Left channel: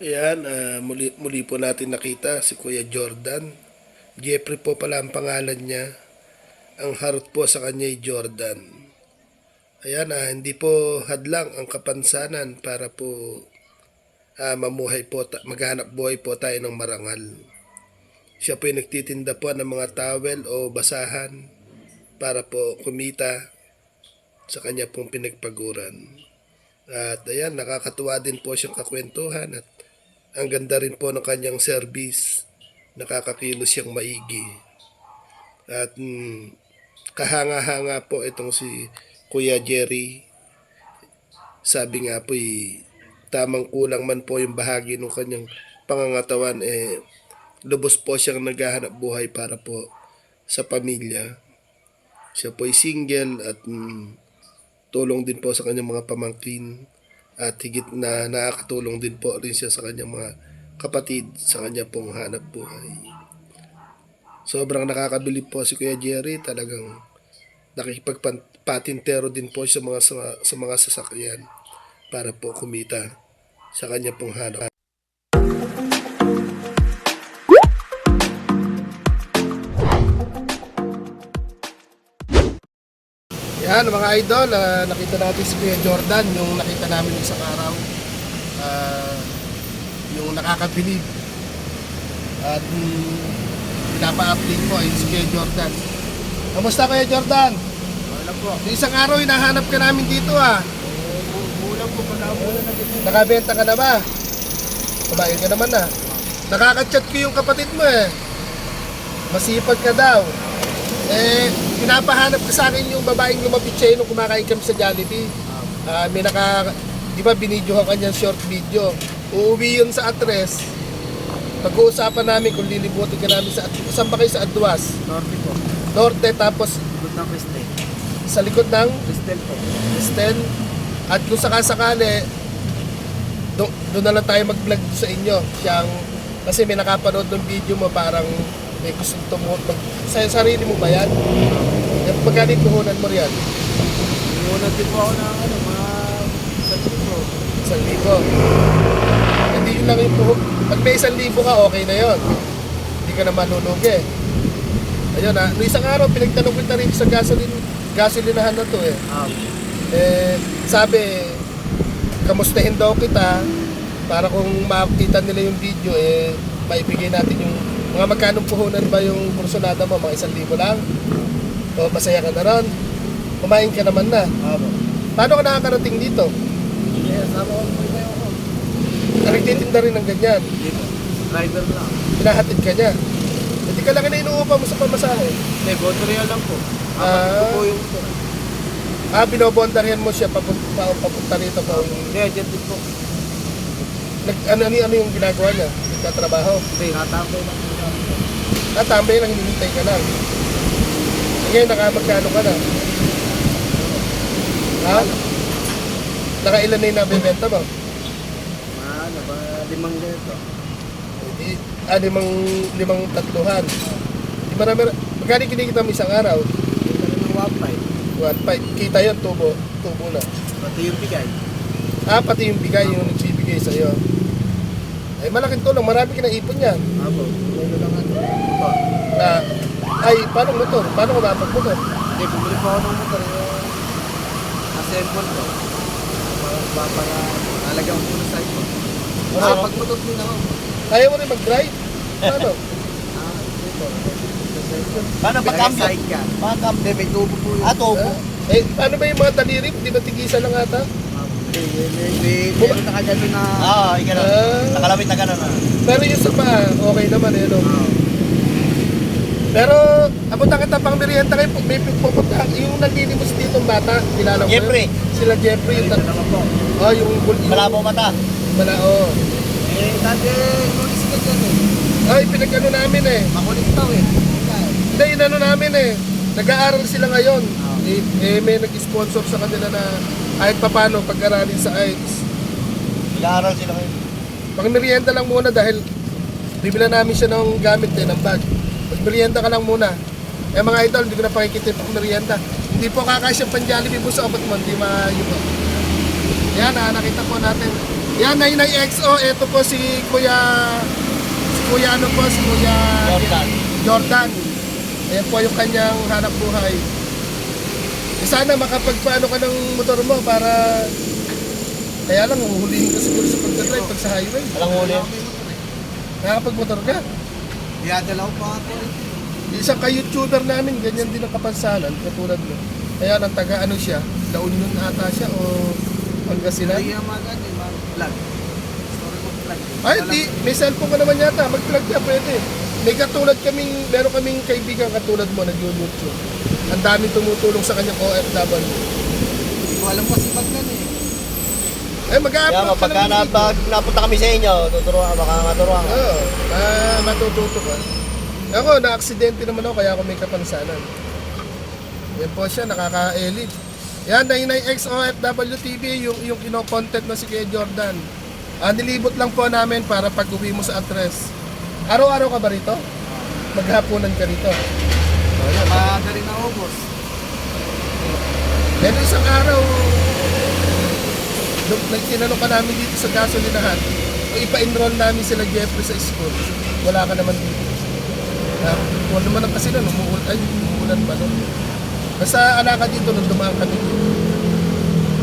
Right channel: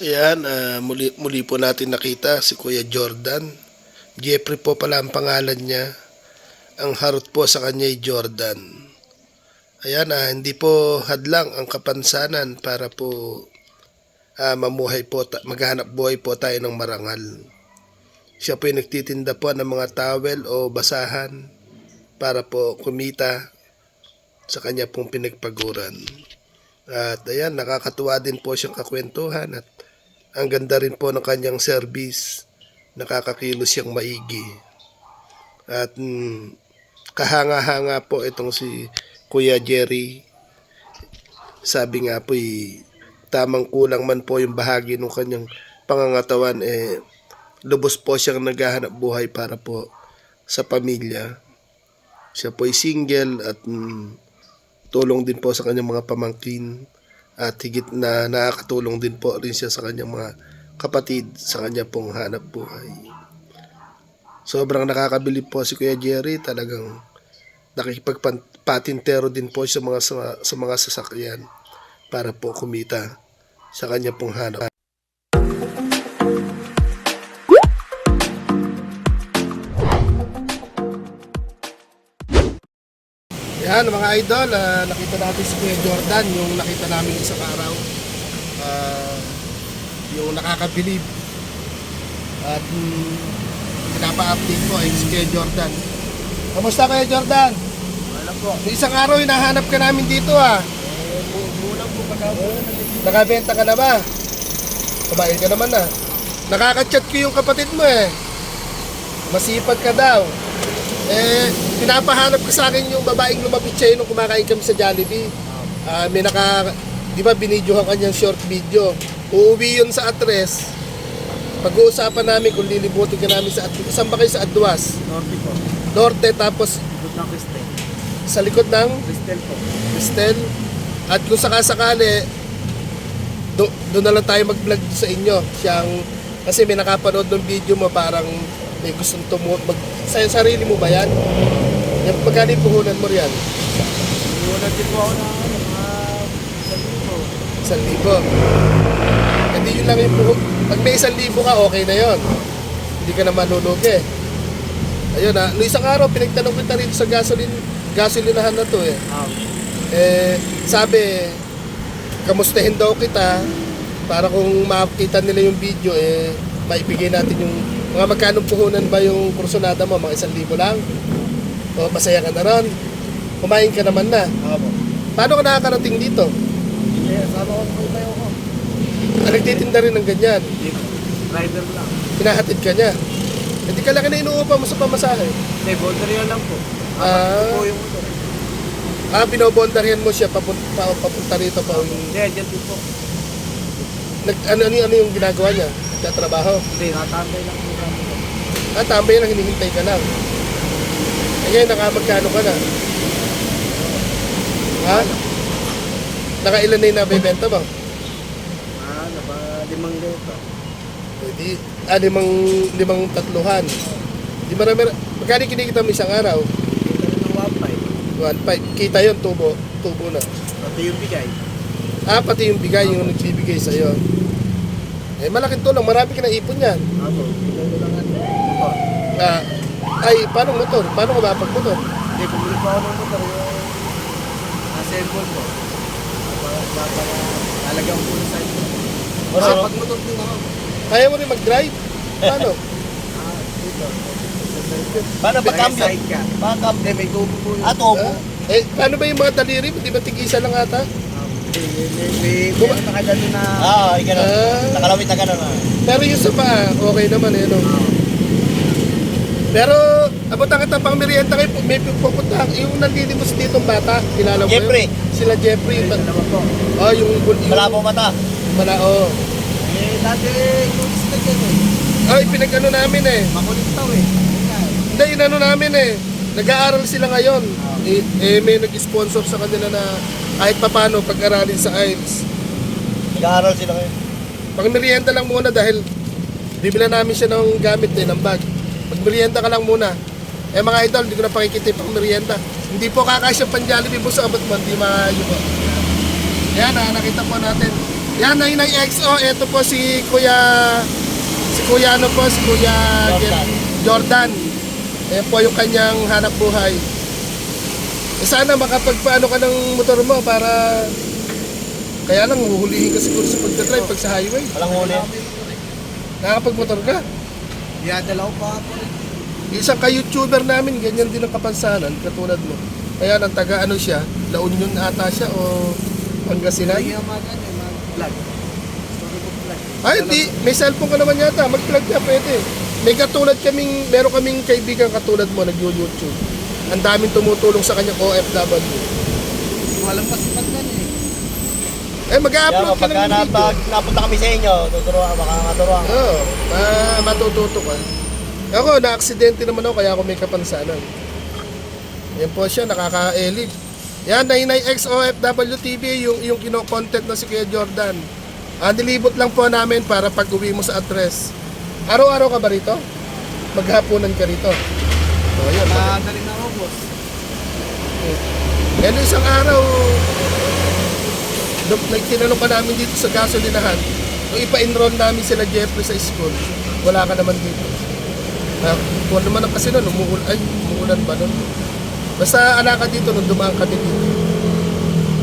Ayan, ah, muli, muli po natin nakita si Kuya Jordan. Jeffrey po pala ang pangalan niya. Ang harot po sa kanya ay Jordan. Ayan, ah, hindi po hadlang ang kapansanan para po ah, mamuhay po, maghanap buhay po tayo ng marangal. Siya po ay nagtitinda po ng mga towel o basahan para po kumita sa kanya pong pinagpaguran. At ayan, nakakatuwa din po siyang kakwentuhan at ang ganda rin po ng kanyang service. Nakakakilos siyang maigi. At mm, kahanga-hanga po itong si Kuya Jerry. Sabi nga po eh, tamang kulang man po yung bahagi ng kanyang pangangatawan eh lubos po siyang naghahanap buhay para po sa pamilya. Siya po ay single at mm, tulong din po sa kanyang mga pamangkin at higit na nakakatulong din po rin siya sa kanyang mga kapatid sa kanya pong hanap buhay. Sobrang nakakabilib po si Kuya Jerry, talagang nakikipagpatintero din po sa mga sa, sa mga sasakyan para po kumita sa kanya pong hanap. Yan mga idol, ah, nakita natin si Kuya Jordan, yung nakita namin isang araw. Ah, yung nakakabilib. At mm, pinapa-update ko ay si Kuya Jordan. Kamusta Kuya Jordan? Wala po. Isang araw hinahanap ka namin dito ah. Eh, po pagkakulan na dito. Nakabenta ka na ba? Kumain ka naman na. Nakaka-chat ko yung kapatid mo eh. Masipag ka daw. Eh, pinapahanap ko sa akin yung babaeng lumapit sa'yo nung kumakain kami sa Jollibee. Ah, may naka, di ba binidyohan kanyang short video. Uuwi yun sa address. Pag-uusapan namin kung lilibutin ka namin sa address. Saan ba kayo sa Adwas? Norte po. Norte tapos Good na Cristel. sa likod ng Cristel po. Kristen. At kung sakasakali, do, doon na lang tayo mag-vlog sa inyo. Siyang, kasi may nakapanood ng video mo parang may gustong tumut. Mag, sa sarili mo ba yan? Magkano yung puhunan mo riyan? Iuna din po ako ng ano, mga sabi po. Isang libo. Hindi yun lang yung puhunan. Pag may isang libo ka, okay na yon. Hindi ka na manulugi. Ayun na, no isang araw pinagtanong kita rin sa gasoline, gasolinahan na to eh. Um, Eh, sabi, kamustahin daw kita para kung makita nila yung video, eh, maibigay natin yung mga magkanong puhunan ba yung kursunada mo, mga isang libo lang? O masaya ka na ron? Kumain ka naman na. Opo. Paano ka nakakarating dito? Eh, sama ko po kayo ko. Nagtitinda rin ng ganyan. Dito. Rider lang. Hinahatid ka niya. Hindi ka lang na inuupa mo sa pamasahe. Hindi, botorial lang po. Apat Ah. po yung motor. Ah, binobondaryan mo siya papunta, papunta rito pa. Hindi, dyan din po. Nag, ano, ano, ano yung ginagawa niya? Nagtatrabaho? Hindi, natambay lang po kami po. Ah, tambay lang, hinihintay ka lang. Ngayon, nakamagkano ka na? Ha? Nakailan na yung nabibenta mo? Ano ba, limang ganito. Hindi. Ah, limang, limang tatluhan. Di marami na. Magkano kinikita mo isang araw? Kita rin ng 1.5. One five. Kita yon tubo. Tubo na. Pati yung bigay. Ah, pati yung bigay, yung nagbibigay sa'yo. Eh, malaking tulong. Marami ka na ipon yan. Apo, ito lang ano. Motor. Ay, paano motor? Paano ka mapag-motor? Hindi, bumili po ako ng motor yung assemble ko. Para, para, para lalagyan ko muna sa ito. Ano? Ah, pag motor din ako. Kaya mo rin mag-drive? Paano? Ah, dito. Sa. Paano ba cambio? ka. Backup. Hindi, may tubo po yun. Ah, tubo. Eh, paano ba yung mga taliri? Di ba tigisa lang ata? Ah, may, may, meron na kagano na... Ah, ikaw na. Ah. Nakalawit na gano'n ah. Pero yung sa paa, okay naman eh, no? Ah, Pero, abot ang kita pang merienda kayo, may pupunta, yung nandilitos dito ang bata, kilala mo yun? Jeffrey. Sila Jeffrey, Ayun, yung, dalawa po. oh, yung, yung, Malabo mata. Mala, oh. Eh, dati, kulis ka dyan eh. Ay, pinag-ano namin eh. Makulit tao eh. Hindi, inano namin eh. Nag-aaral sila ngayon. Ah. Eh, eh, may nag-sponsor sa kanila na kahit papano pag-aralin sa IELTS. Nag-aaral sila ngayon. Pang merienda lang muna dahil bibila namin siya ng gamit eh, ng bag. Mag-merienda ka lang muna. Eh mga idol, hindi ko na pakikita yung pang merienda. Hindi po kakasya pang Jollibee buso abot mo, hindi po. Yan ah, nakita po natin. Yan, 99XO. Ito po si Kuya... Si Kuya ano po, si Kuya... Jordan. Jordan. Ayan po yung kanyang hanap buhay. Eh sana makapagpaano ka ng motor mo para... Kaya lang, huhulihin ka siguro sa pagdadrive pag sa highway. Walang huli. Nakakapag-motor ka. Iyadala ko pa ako. Isang ka-YouTuber namin, ganyan din ang kapansanan, katulad mo. Kaya nang taga ano siya, La Union ata siya o Pangasinan. Lagi nga mga ganyan, mga vlog. Story ko vlog. Ay, di, may cellphone ka naman yata, mag-plug ka, pwede. May katulad kaming, meron kaming kaibigan katulad mo, nag-YouTube. Ang daming tumutulong sa kanyang OFW. Hindi ko alam kasi yan eh. Eh, Kaya mag-upload ka pagka ng video. napag, napunta kami sa inyo, tuturuan, baka maturuan ka. Oo, ma- matututo ka. Ako, na-aksidente naman ako, kaya ako may kapansanan. Yan po siya, nakaka-elite. Yan, 99X OFW TV, yung, yung kino-content na si Kuya Jordan. Ah, nilibot lang po namin para pag uwi mo sa address. Araw-araw ka ba rito? Maghapunan ka rito. Oh, yan. Madali na ubos. Pero isang araw, doon- nagtinanong pa namin dito sa gasolinahan, kung ipa-enroll namin sila Jeffrey sa school, wala ka naman dito. Uh, wala naman ang kasi nun, umuulan, ay, umuulan pa nun. Basta ala ka dito nung dumaan kami dito.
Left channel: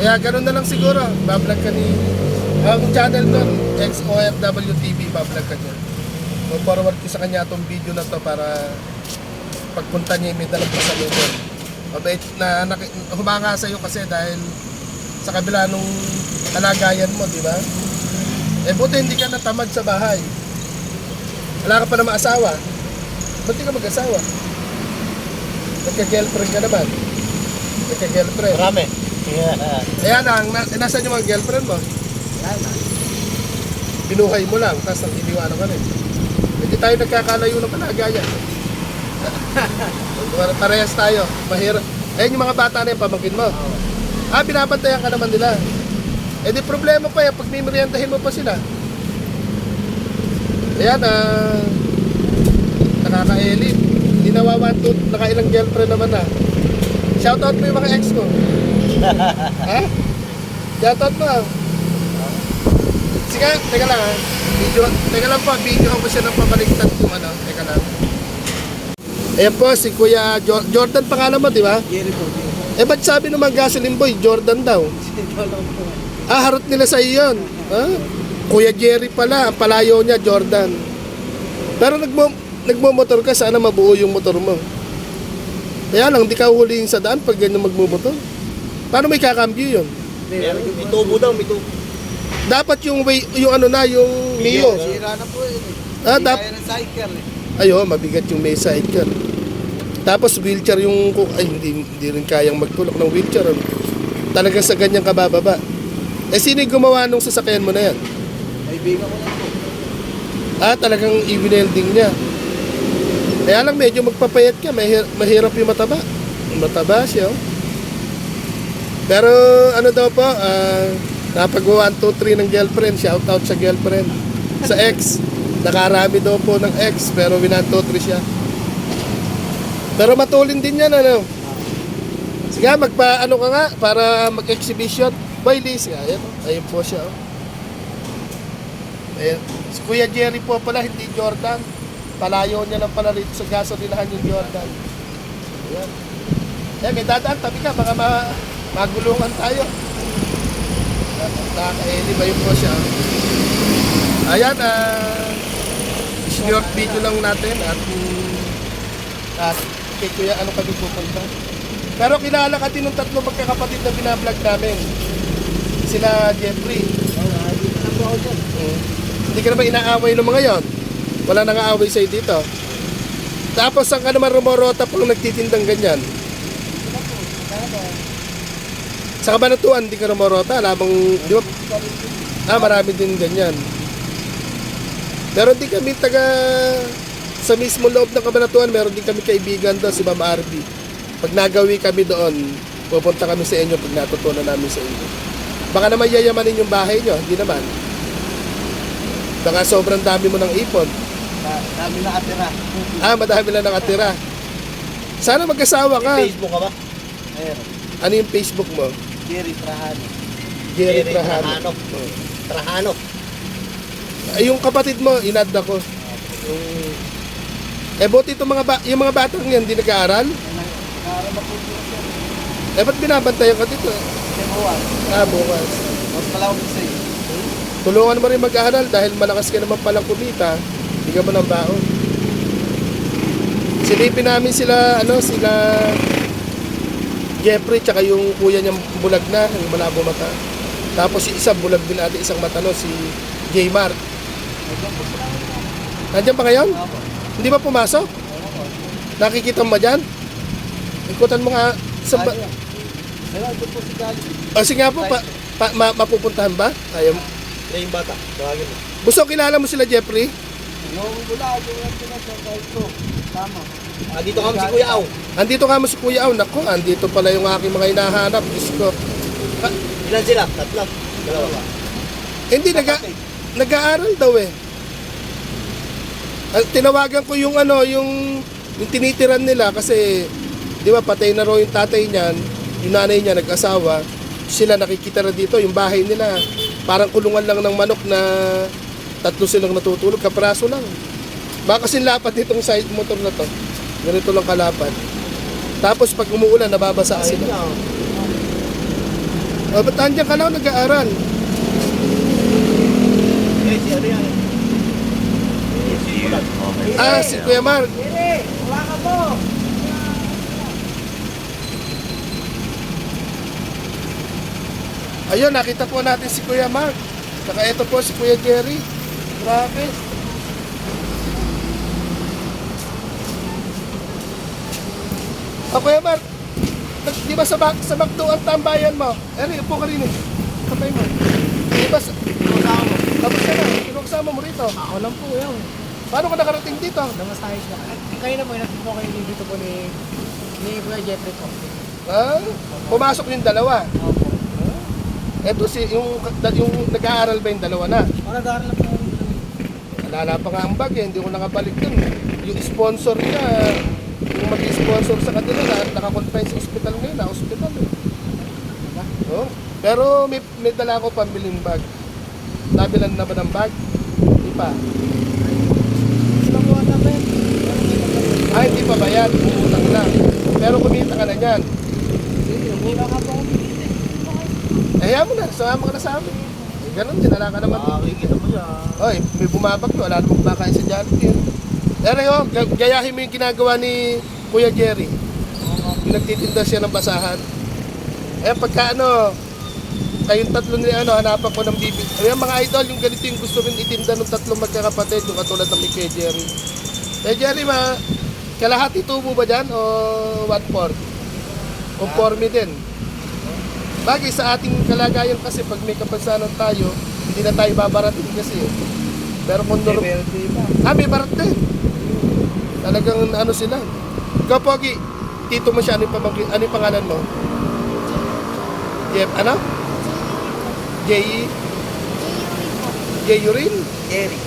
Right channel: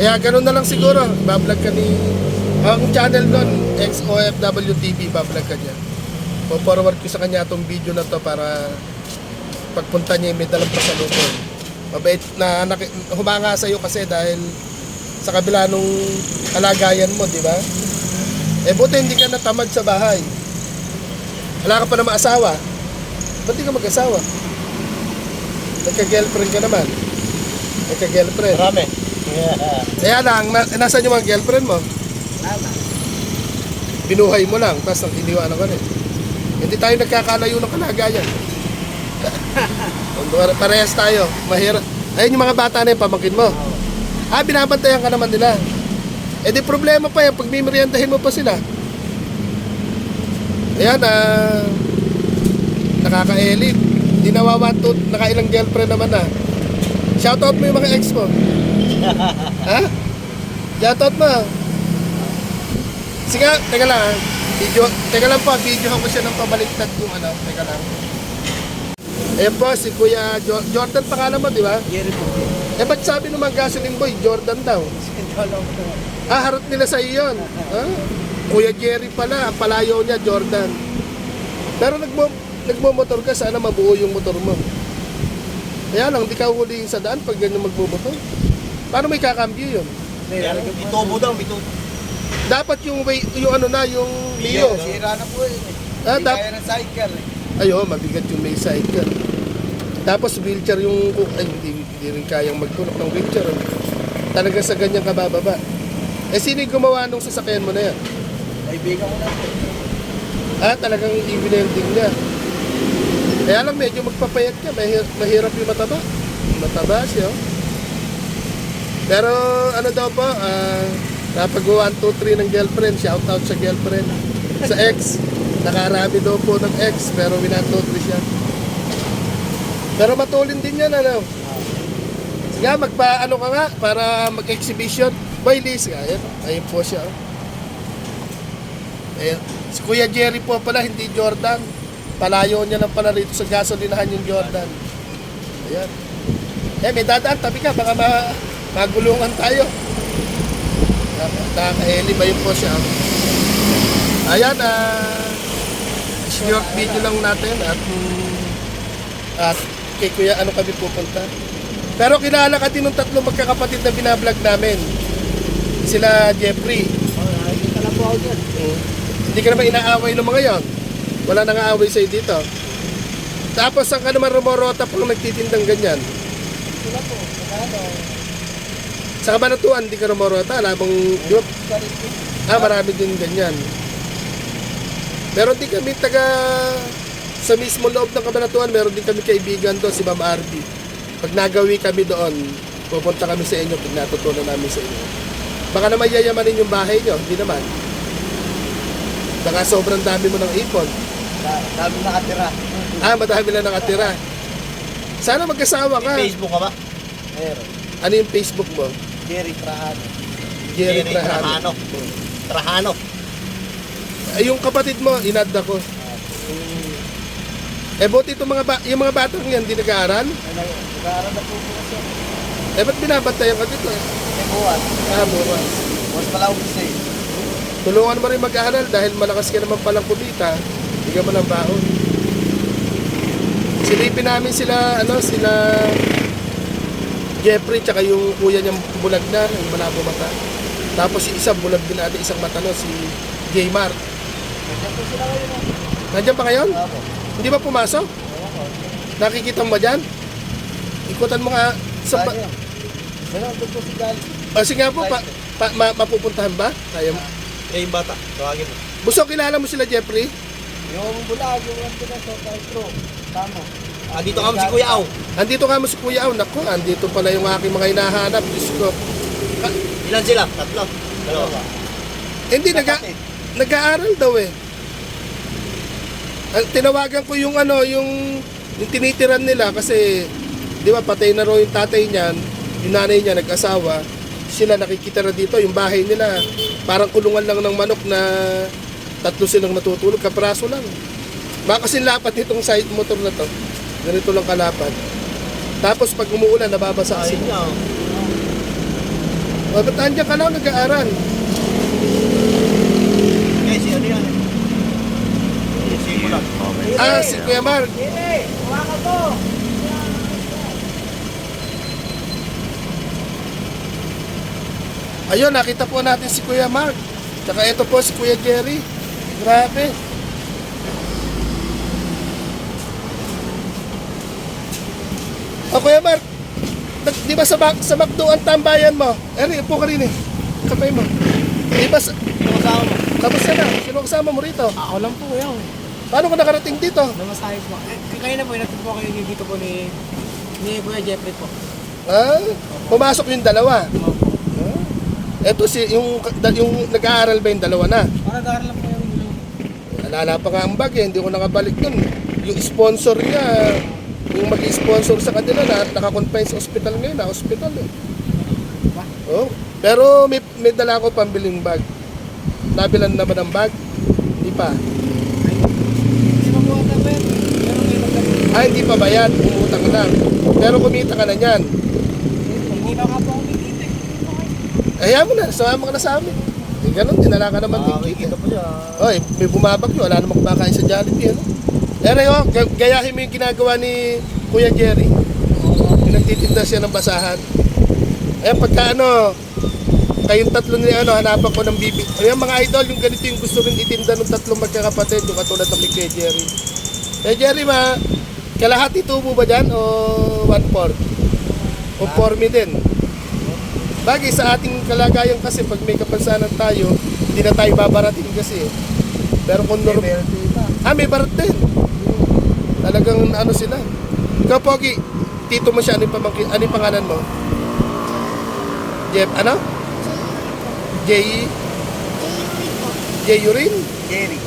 Kaya ganun na lang siguro, bablog ka ni... Ang channel doon, XOFW TV, bablog ka dyan. O forward ko sa kanya itong video na to para pagpunta niya may dalang pasalubong. Mabait na, na humanga sa iyo kasi dahil sa kabila nung kalagayan mo, di ba? Eh buti hindi ka natamad sa bahay. Wala ka pa naman asawa. Ba't di ka mag-asawa? Nagka-girlfriend ka naman. Nagka-girlfriend. Marami. Kaya lang, na, nasaan yung mga girlfriend mo? Wala na. Binuhay mo lang, tapos nang iniwanan ka rin. Hindi tayo nagkakalayo ng kalagayan. Parehas tayo. Mahirap. Ayun yung mga bata na yung pamangkin mo. Ah, binabantayan ka naman nila. Eh di problema pa yan pag mimeriendahin mo pa sila. Ayan, ah, nakaka-elite. Hindi nawawantot, nakailang girlfriend naman na. Shoutout mo yung mga ex mo. ha? Shoutout mo. Sige, teka lang ha. Video, teka lang po, videohan ko siya ng pabaliktad yung ano. Teka lang. Ayan po, si Kuya Jo- Jordan pangalan mo, di ba? Jerry po. Eh, ba't sabi naman gasoline boy, Jordan daw? Ah, harot nila sa iyon. Ah, Kuya Jerry pala, palayo niya, Jordan. Pero nagmo, nagmo-motor ka, sana mabuo yung motor mo. Kaya lang, di ka huliin sa daan pag ganyan magmumotor. Paano may kakambyo yun? Lalagyan May mo tubo daw, may tubo. Dapat yung way, yung ano na, yung Mio. Sira na po eh. Ah, Hindi dap- kaya ng cycle eh. Ayo, mabigat yung may sidecar. Tapos wheelchair yung, ay hindi, hindi rin kayang magtulak ng wheelchair. Ano? Talaga sa ganyang kabababa. Eh, sino gumawa nung sasakyan mo na yan? Kaibigan ko na po. Ah, talagang i-welding niya. Kaya lang medyo magpapayat ka, mahir- mahirap yung mataba. Mataba siya. oh. Pero ano daw po, ah, napag 1, 2, 3 ng girlfriend, shout out sa girlfriend. Sa ex, nakarami daw po ng ex, pero 1, 2, 3 siya. Pero matulin din yan, ano. Sige, magpa, ano ka nga, para mag-exhibition. Boy, Liz, nga, ayan, oh. ayun po siya. Oh. Ayan. Si Kuya Jerry po pala, hindi Jordan. Palayo niya lang pala rito sa gasolinahan yung Jordan. Ayan. Eh, may dadaan, tabi ka, baka ma magulungan tayo. Nakakaeli ba yun po siya? Ayan, ah, short video lang natin at at kay Kuya ano kami pupunta. Pero kilala ka din ng tatlong magkakapatid na binablog namin. Sila Jeffrey, Oh, nakikita na po. Hindi ka naman inaaway ng mga yon. Wala nang aaway sa'yo dito. Tapos ang ka naman rumorota pang nagtitindang ganyan. Wala po. Magkano? Sa kabanatuan, hindi ka rumorota. Labang, di ba? Ah, marami din ganyan. Pero di kami taga sa mismo loob ng kabanatuan, meron din kami kaibigan doon, si Ma'am Arby. Pag nagawi kami doon, pupunta kami sa inyo pag natutunan namin sa inyo. Baka naman yayamanin yung bahay nyo, hindi naman. Baka sobrang dami mo ng ipon. Da- Dami nakatira. Ah, madami lang nakatira. Sana mag-asawa ka. May Facebook ka ba? Meron. Ano yung Facebook mo? Jerry Trajano. Jerry Jerry Trajano. Trajano. Oh. Trajano. Ay, yung kapatid mo, inad ako. Mm. Eh, buti itong mga, ba- yung mga batang yan, di nag-aaral? Nag-aaral na po po kasi. Eh, ba't binabantayan ka dito? Kasi buwan. Ah, bukas. Mas pala ako kasi. Tulungan mo rin mag-aaral dahil malakas ka naman palang kumita. Bigyan mo ng baon. Silipin namin sila, ano, sila Jeffrey, tsaka yung kuya niyang bulag na, yung malabo mata. Tapos yung isa, bulag din ate, isang mata no, si J. Mark. Nandiyan po sila ngayon. Nandiyan pa ngayon? Opo. Hindi ba pumasok? Nakikita mo ba dyan? Ikutan mo nga sa... Ba- doon po si Gali. Kasi nga po, pa, pa, ma- mapupuntahan ba? Kaya mo. Eh, yung bata. Tawagin mo. Buso, kilala mo sila Jeffrey? Yung bulag, yung lang sila sa Kaitro. Tama. Ah, dito kami si Kuya Aw. Andito ka mo si Kuya Aw. Naku, andito pala yung aking mga hinahanap. Diyos ko. Ilan sila? Tatlo. Dalawa. Hindi, nag nag-aaral daw eh. Tinawagan ko yung ano, yung, yung tinitiran nila kasi, di ba, patay na raw yung tatay niyan, yung nanay niya nag-asawa, sila nakikita na dito, yung bahay nila, parang kulungan lang ng manok na tatlo silang natutulog, kapraso lang. Baka kasi lapat nitong side motor na to. Ganito lang kalapat. Tapos pag umuulan, nababasa sila. O, ba't nandiyan ka lang nag-aaral? Eh, si ano yan? Eh, si Bulag. Ah, si Kuya Mark. Huwag ka po. Ayun, nakita po natin si Kuya Mark. Tsaka ito po si Kuya Jerry. Grabe. O Kuya Mark, di ba sa, bak- sa McDo ang tambayan mo? Eh, upo ka rin eh. Kamay mo. Di ba sa... Tapos na, sino kasama mo rito? Ako lang po yan. Paano ka nakarating dito? Namasayos po. Eh, kanina po, inatid po kayo dito po ni ni Kuya Jeffrey po. Ha? Pumasok yung dalawa. Opo. Ito si yung yung nag-aaral ba yung dalawa na? Ako nag-aaral lang po yung Alala pa nga ang bag eh, hindi ko nakabalik dun. Yung sponsor niya, yung mag-sponsor sa kanila na nakakonfine sa hospital ngayon, na hospital eh. Oh. Pero may, may dala ako pambiling bag. Nabilan naman ang bag. Hindi pa. Hindi pa po ata ba? Pero may nag Ay, hindi pa bayad. Utang na. Pero kumita ka na niyan. Hindi pa nga po ako nakikita. Ayaw mo na, sumama ka na sa amin. Eh, ganun, dinala ka naman. Ah, siya. Oy, may bumabagyo, wala namang kumakain sa Jollibee. Pero ga- gayahin mo yung ginagawa ni Kuya Jerry. Yung nagtitinda siya ng basahan. Ayan, pagka ano, kayong tatlo ni ano, hanapan ko ng bibi. Ayan mga idol, yung ganito yung gusto rin itinda ng tatlong magkakapatid, yung katulad ng kay Kuya Jerry. Kuya Jerry, ma, kalahati tubo ba dyan o one fourth? O four me din? Bagay sa ating kalagayan kasi pag may kapansanan tayo, hindi na tayo babarating kasi. eh. Pero kung norm- Meron pa. Ah, may barat din. Talagang ano sila. Ikaw, Pogi, tito mo siya, ano yung, ano yung pangalan mo? Jeff, ano? J... J. Urin? Jerry.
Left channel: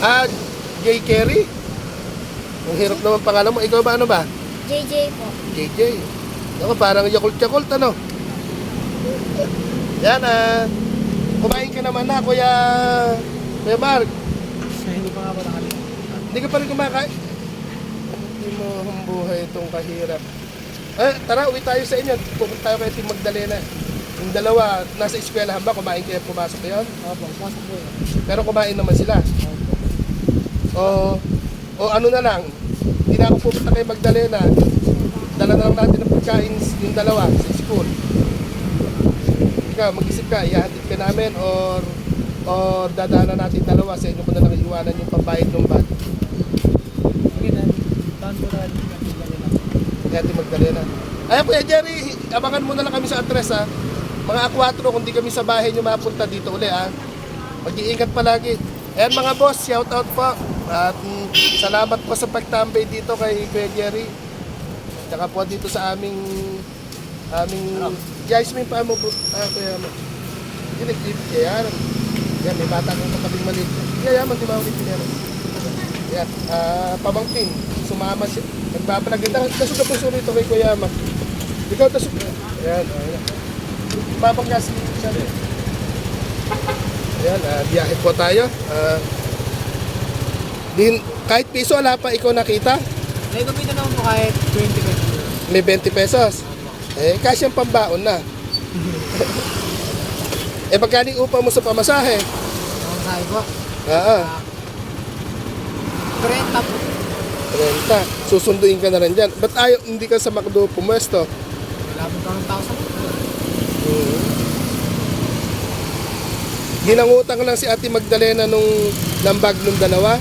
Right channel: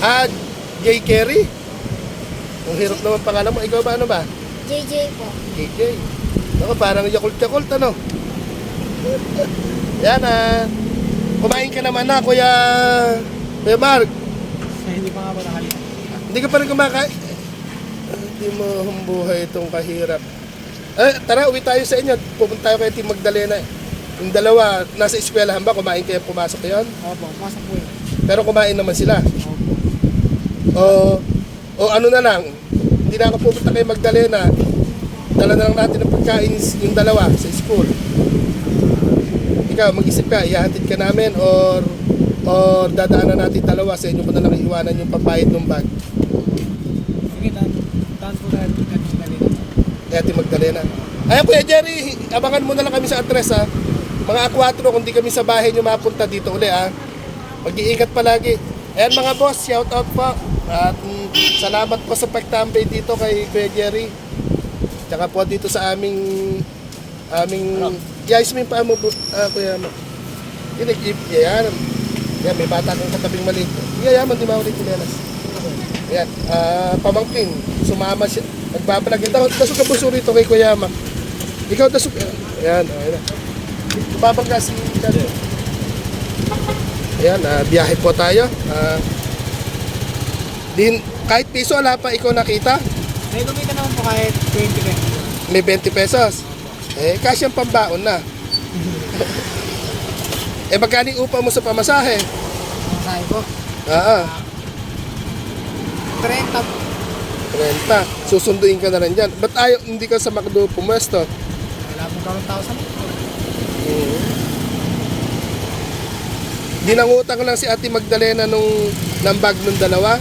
Ah, J. Kerry? Ang hirap naman pangalan mo. Ikaw ba ano ba? JJ po. JJ. Ako, parang yakult-yakult, ano? Yan, ah. Kumain ka naman na, Kuya... Kuya Mark. Hindi pa nga po nakalimutan. Hindi ka pa rin kumakain. Hindi mo humbuhay itong kahirap. Eh, tara, uwi tayo sa inyo. Pupunta tayo kay Team Magdalena. Yung dalawa, nasa eskwelahan ba? Kumain kayo, pumasok yun? Opo, pumasok po yun. Pero kumain naman sila. Opo. O, o ano na lang, hindi na ako pupunta kay Magdalena. Dala na lang natin ng pagkain yung dalawa sa school. Ikaw, mag-isip ka, ihahatid ka namin or or dadaanan natin dalawa sa inyo ko na lang iiwanan yung pambayad ng bag. Sige na, tahan po natin nila. Kaya Ate Magdalena. Ayun Kuya Jerry, abangan mo na lang kami sa address ha. Mga A4 kung di kami sa bahay nyo mapunta dito uli ha. Mag-iingat palagi. Ayan mga boss, shout out po. At mm, salamat po sa pagtambay dito kay Kuya Jerry. Tsaka po dito sa aming aming Guys, may paamo po, ah, Kuya Ma. Hindi nag-jeep, yan. Yan, may bata kang katabing maliit. Yan, yan, di mawalik pinelas. Yan, ah, pamangkin. Sumama siya. Magpapalag. Ito, tasok na puso rito kay Kuya Mac. Ikaw tasok. Yan, ayun na. Babangga si Charo. Ayan, ah, biyahe po tayo. Ah, din, kahit piso wala pa ikaw nakita, May kumita naman po kahit 20 pesos. may 20 pesos. Eh, kasyang pambaon na. eh, magkano yung upa mo sa pamasahe? Sabi po, Oo, 30 po. 30. Susunduin ka na rin dyan. Ba't ayaw, hindi ka sa McDo pumwesto? Wala pong karong tao sa motor. Mm. Dinangutang lang si Ate Magdalena nung ng bag nung dalawa.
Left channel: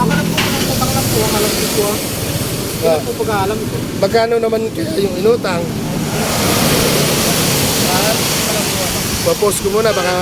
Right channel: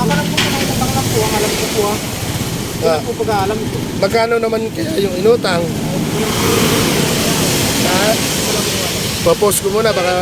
Ako lang po, nang utang lang po, ang alam ko po ah. Hindi Ah. po pag-aalam ko. Magkano naman kaya yung inutang? Wala po. Papost ko muna, baka